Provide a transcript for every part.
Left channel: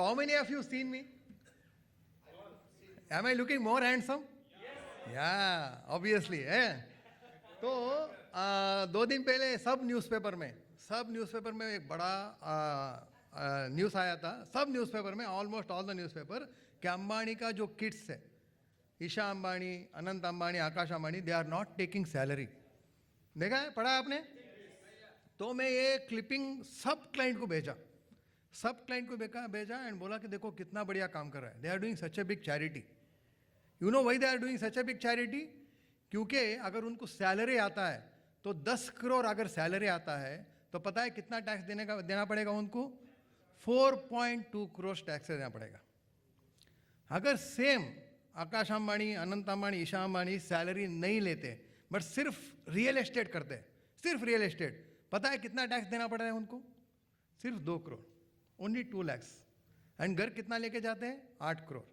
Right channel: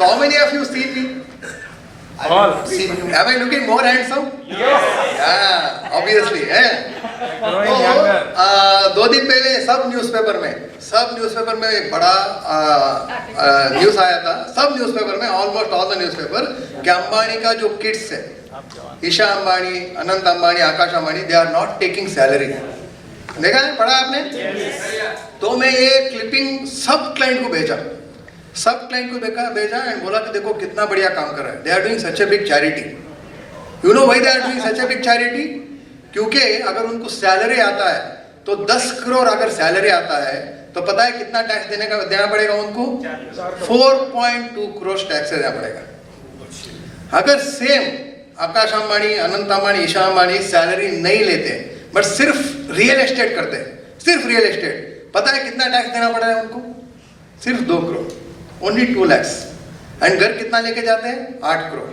So how many of you see me? All. Am I looking more handsome? Yes. Yeah, obviously. Growing तो younger. 2 दिन पहले सब newspaper में एक बड़ा न्यूज़ आया था, सब न्यूज़पेपर में, ऑलमोस्ट ऑल द न्यूज़पेपर, कि अंबानी का जो किड्स है, Isha Ambani, Anant Ambani, Akash Ambani, they are not taking salary. देखा है, पढ़ा आपने? तो मैं ये क्लिपिंग सब क्लाइंट को भेजा एंड बोला कि देखो कितना बढ़िया काम कर रहा है। They are doing such a big charity. You know why they are doing such a big charity? क्योंकि अगर उनको सैलरी आता है तो 10 करोड़ अगर सैलरी आता है तो पता है कितना टैक्स देना पड़ेगा उनको? 4.2 करोड़ टैक्स देना पड़ेगा। अगर सेम आकाश अंबानी, अनंत अंबानी, ईशा अंबानी सैलरी नहीं लेते बट सिर्फ रियल एस्टेट करते, सिर्फ रियल एस्टेट, पता है कितना टैक्स देना पड़ रहा है उनको? सिर्फ 2 करोड़, ओनली 2 lakhs। एंड घर कितना लेके जाते हैं? 8 करोड़।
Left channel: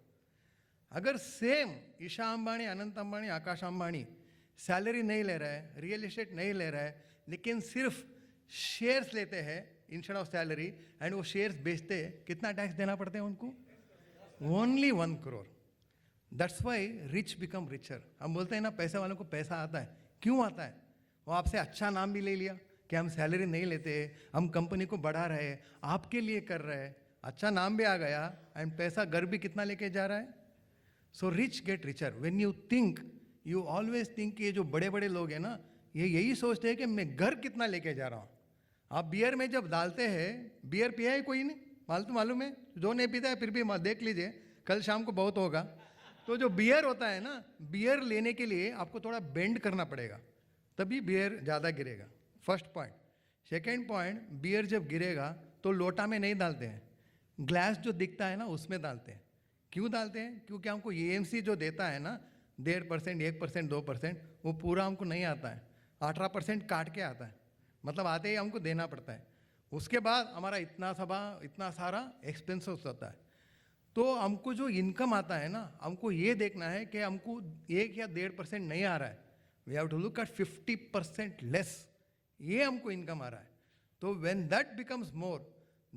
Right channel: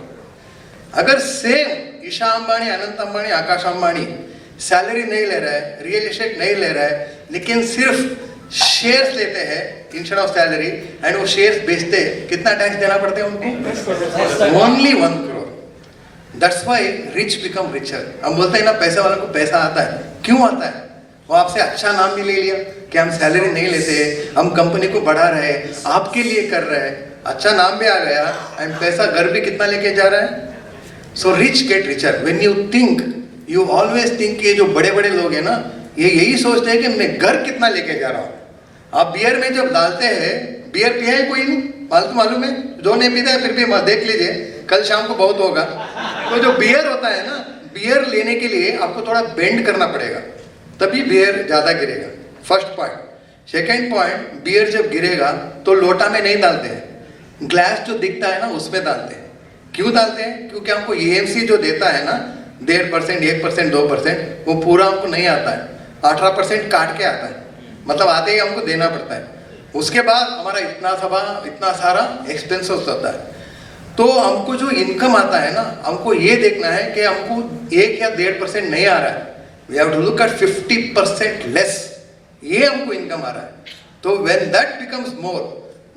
अगर सेम ईशा अंबानी, अनंत अंबानी, आकाश अंबानी सैलरी नहीं ले रहा है, रियल एस्टेट नहीं ले रहा है, लेकिन सिर्फ शेयर्स लेते हैं इंस्टेड ऑफ सैलरी एंड वो शेयर्स बेचते हैं, कितना टैक्स देना पड़ता है उनको? Only 1 crore. That's why rich become richer. हम बोलते हैं ना, पैसे वालों को पैसा आता है। क्यों आता है? वो आपसे अच्छा नाम भी ले लिया कि हम सैलरी नहीं लेते, हम कंपनी को बढ़ा रहे हैं, आपके लिए कर रहे हैं, अच्छा नाम भी आ गया एंड पैसा घर भी कितना लेके जा रहा है। So rich get richer. When you think, you always think, ये जो बड़े बड़े लोग हैं ना, ये यही सोचते हैं कि मैं घर कितना लेके जा रहा हूँ। आप बियर में जब डालते हैं, बियर पिया है कोई नहीं? मालूम है? जो नहीं पीता है फिर भी देख लीजिए, कल शाम को बहुत होगा। तो जो बियर होता है ना, बियर लेने के लिए आपको थोड़ा बेंड करना पड़ेगा, तभी बियर ज्यादा गिरेगा। First point. Second point, bear जब गिरेगा तो लोटा में नहीं डालते हैं, ग्लास जो दिखता है ना उसमें डालते हैं। क्यों डालते हैं? क्योंकि हमको एएमसी जो देता है ना 1.5%, 1%, 2%, वो पूरा हमको नहीं आता है, 18% काट के आता है, मतलब आते ही हमको देना पड़ता है। उसके बाद हमारा इतना सारा एक्सपेंसेस होता है। तो हमको जो इनकम आता है ना, हमको ये देखना है कि हमको 1 या 1.5% नहीं आ रहा है, we have to look at 50% less, ये हमको इनकम आ रहा है। तो when that becomes more,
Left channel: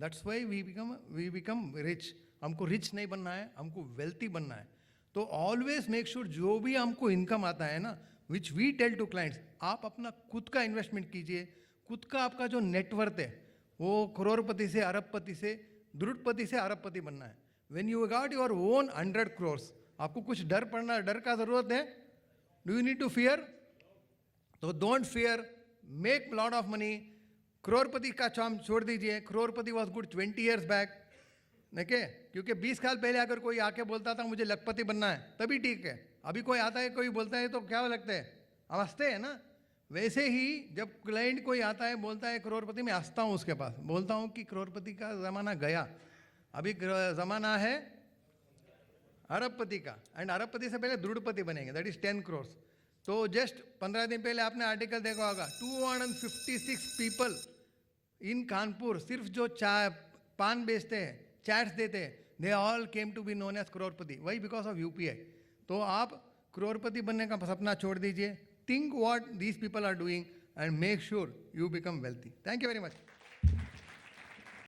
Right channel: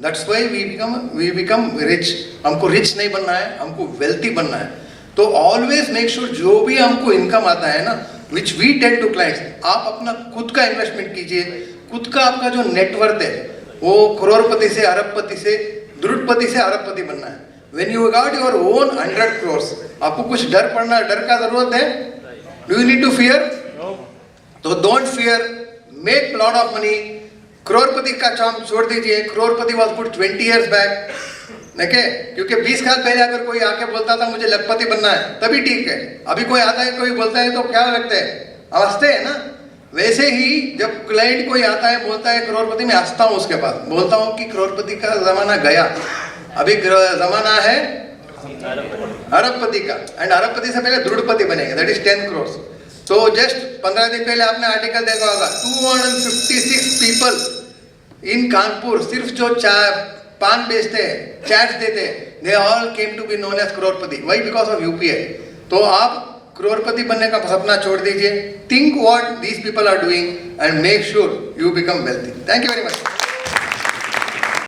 that's why we become rich. हमको रिच नहीं बनना है, हमको वेल्थी बनना है। तो ऑलवेज मेक श्योर जो भी हमको इनकम आता है ना, which we tell to clients, आप अपना खुद का इन्वेस्टमेंट कीजिए। खुद का आपका जो नेटवर्थ है वो करोड़पति से अरबपति से, द्रुतपति से अरबपति बनना है। When you got your own 100 crores, आपको कुछ डर का जरूरत है? Do you need to fear? तो don't fear, make lot of money. करोड़पति का काम छोड़ दीजिए। करोड़पति वाज गुड 20 years बैक, देखे? क्योंकि 20 साल पहले अगर कोई आके बोलता था मुझे लखपति बनना है, तभी ठीक है। अभी कोई आता है, कोई बोलता है तो क्या लगता है? हंसते हैं ना। वैसे ही जब क्लाइंट कोई आता है बोलता है करोड़पति, मैं हंसता हूँ उसके बाद, बोलता हूँ कि करोड़पति का जमाना गया, अभी जमाना है अरबपति का। एंड अरबपति से पहले द्रुतपति बनेगा, दैट इज 10 crores। तो जस्ट 15 दिन पहले आपने आर्टिकल देखा होगा, 256 people इन कानपुर, सिर्फ जो पान बेचते हैं, चैट्स देते हैं, they all came to be known as करोड़पति। व्हाई? Because of UPI. तो आप करोड़पति बनने का सपना छोड़ दीजिए, think what these people are doing and make sure you become wealthy. Thank you very much.